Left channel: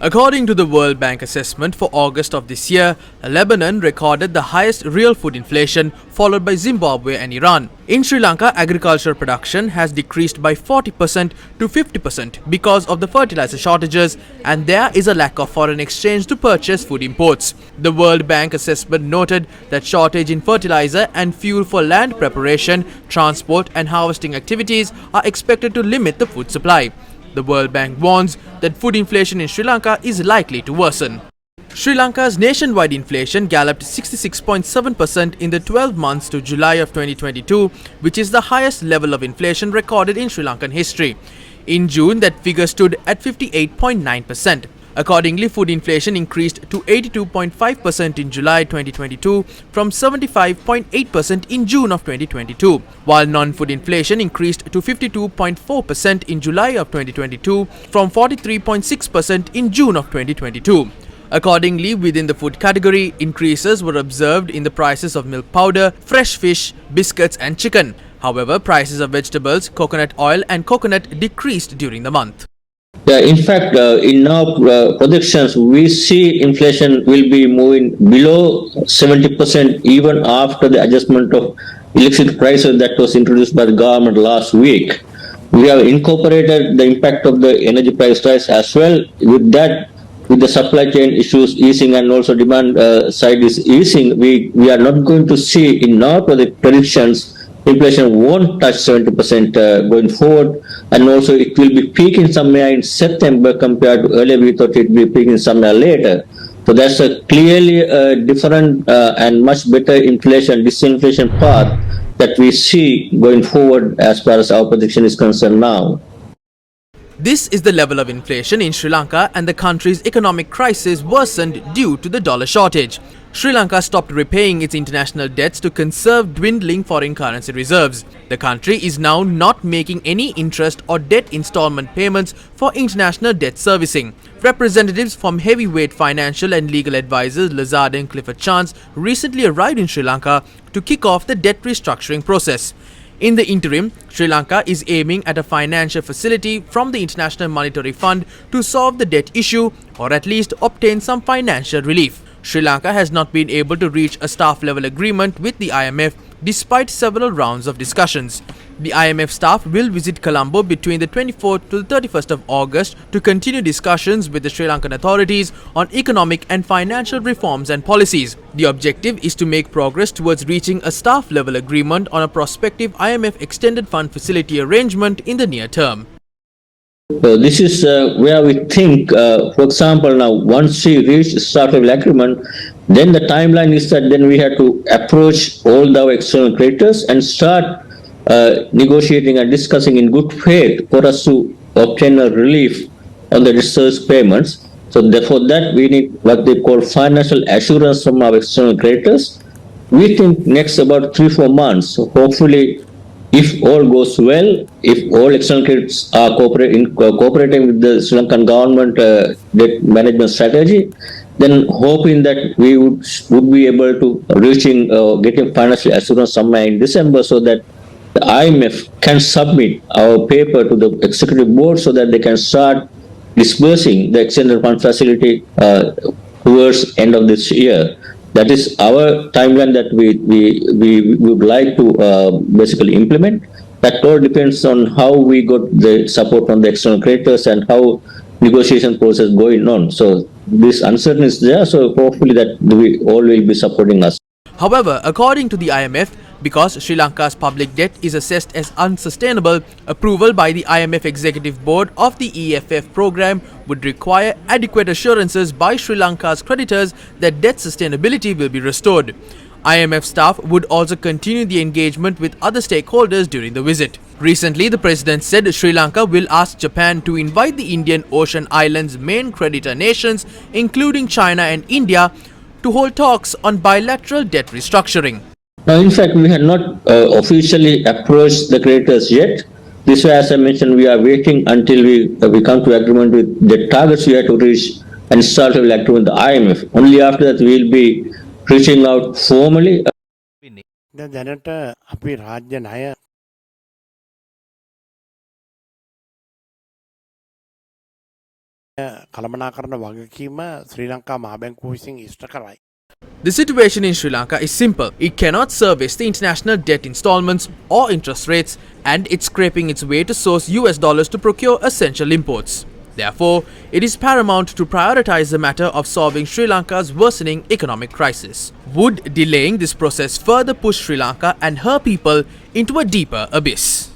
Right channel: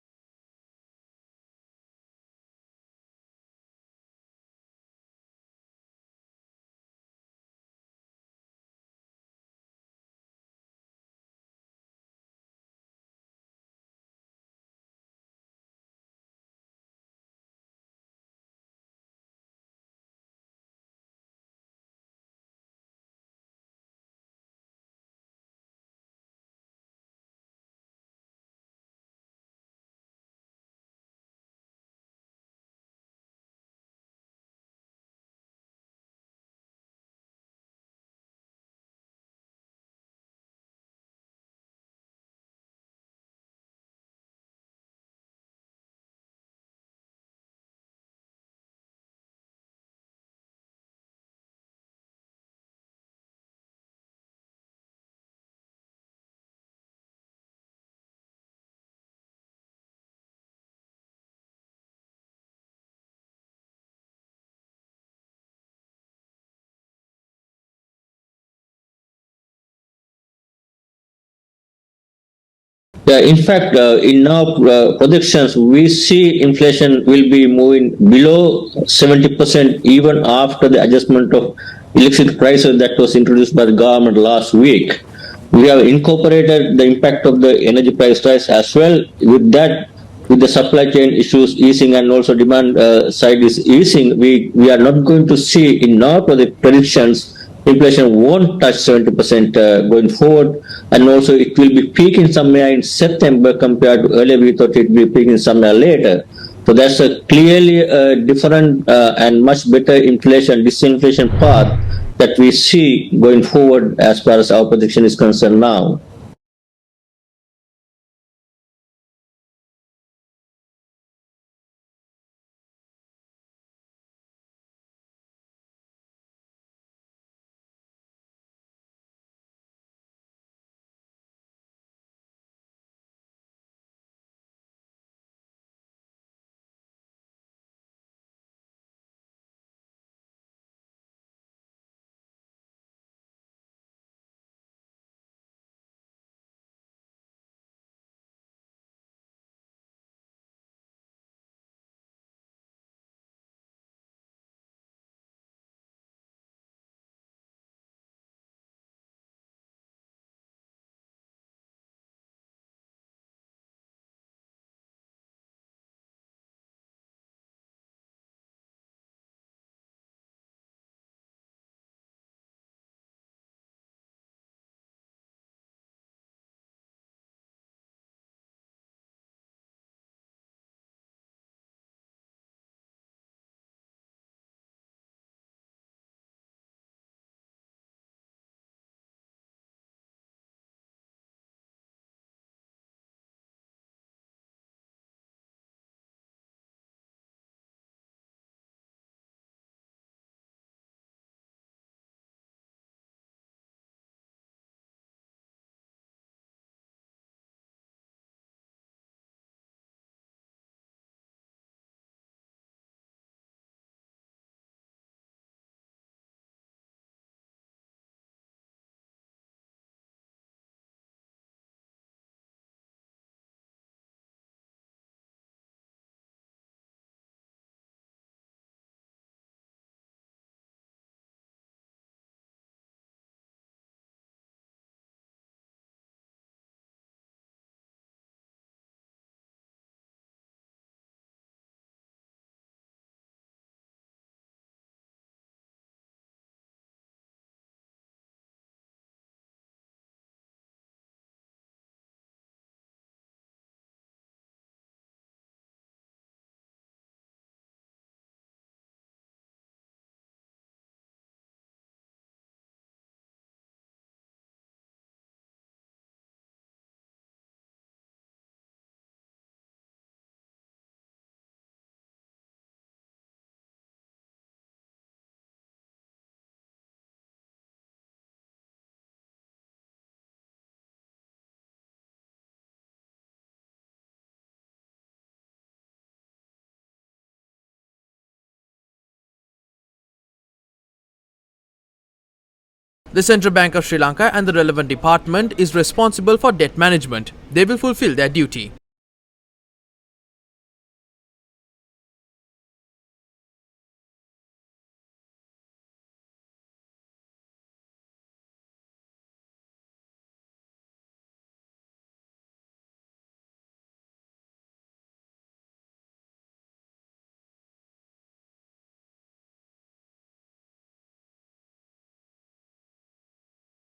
According to the World Bank assessment for August of this year, Lebanon recorded the highest real food inflation, followed by Zimbabwe and Iran. In Sri Lanka, agricultural production has decreased by 40% to 50% because of the fertilizer shortages, and there is a lack of foreign exchange to purchase food imports. The World Bank assessment noted that shortage in fertilizer and fuel for land preparation, transport and harvesting activities are expected to limit the food supply. The World Bank warns that food inflation in Sri Lanka is likely to worsen. Sri Lanka's nationwide inflation galloped 66.7% in the 12 months to July of 2022, which is the highest level of inflation recorded in Sri Lankan history. In June, that figure stood at 58.9%. Accordingly, food inflation increased to 82.5% in July 2022 from 75.8% in June of 2022, while non-food inflation increased to 52.4% in July of 2022 from 43.6% in June of 2022. Accordingly, within the food category, increases were observed in the prices of milk powder, fresh fish, biscuits and chicken. However, prices of vegetables, coconut oil and coconut decreased during the month. Yeah, in fact, in our projections, we see inflation will be moving below 70% even after the adjustment of electricity prices that was introduced by the government last week. We have incorporated the impact of the energy price rise as well. With that, with the supply chain issues easing and also demand side is easing, we are not going to see in our predictions inflation won't touch 70% going forward, and also it will be peaking somewhere in September compared to earlier we thought it would be peaking somewhere later. So that's a clearly different and much better disinflation path that we see going forward as far as our prediction is concerned now. This is the level of inflation in Sri Lanka, and the country's economic crisis worsened due to the dollar shortage. Sri Lanka stopped repaying its international debts to conserve dwindling foreign currency reserves. The country is now not making any interest or debt installment payments for international debt servicing. Representatives from heavyweight financial and legal advisors Lazard and Clifford Chance recently arrived in Sri Lanka to kick off the debt restructuring process. In the interim, Sri Lanka is aiming at a financial facility from the International Monetary Fund to solve the debt issue or at least obtain some financial relief. Sri Lanka has not been able to reach a staff-level agreement with the IMF despite several rounds of discussions. The IMF staff will visit Colombo between the 24th to the 31st of August to continue discussions with the Sri Lankan authorities on economic and financial reforms and policies. The objective is to make progress towards reaching a staff-level agreement on a prospective IMF extended fund facility arrangement in the near term. So this is where we think, for example, now once we reach staff-level agreement, then the timeline is that then we have to approach all our external creditors and start negotiating and discussing in good faith for us to obtain a relief on the research payments. So therefore that we need what they call financial assurance from our external creditors. We think next about 3-4 months, so hopefully if all goes well, if all external creditors are cooperating with the Sri Lankan government debt management strategy, then hoping that we would be able to getting financial assurance somewhere in December so that the IMF can submit our paper to the executive board so that they can start disbursing the extended fund facility towards end of this year. That is our timeline that we would like to basically implement. That all depends on how we got the support from the external creditors and how negotiation process going on. So this uncertainty is there. So hopefully that we all will be supporting us. However, according to the IMF, because Sri Lanka's public debt is assessed as unsustainable, approval by the IMF Executive Board of the EFF program would require adequate assurances by Sri Lanka's creditors that debt sustainability will be restored. IMF staff would also continue the engagement with other stakeholders during the visit. Recently, the president said Sri Lanka will ask Japan to invite the Indian Ocean Islands' main creditor nations, including China and India, to hold talks on bilateral debt restructuring. Now, in fact, we have not officially approached the creditors yet. This way, as I mentioned, we are waiting until we come to agreement with the targets we have to reach and start to agreement with the IMF. Only after that we will be reaching out formally. දැනට අපි රාජ්‍ය ණය The Central Bank of Sri Lanka and the relevant department is responsible for debt management. They will fulfill their duty. කළමනාකරන වගකීම ශ්‍රී ලංකා මහ බැංකුව විසින් ඉෂ්ට කරයි. The situation in Sri Lanka is simple. It cannot service the international debt installments or interest rates, and it's scraping its way to source US dollars to procure essential imports. Therefore, it is paramount to prioritize the matter of solving Sri Lanka's worsening economic crisis. Would delaying this process further push Sri Lanka and her people into a deeper abyss?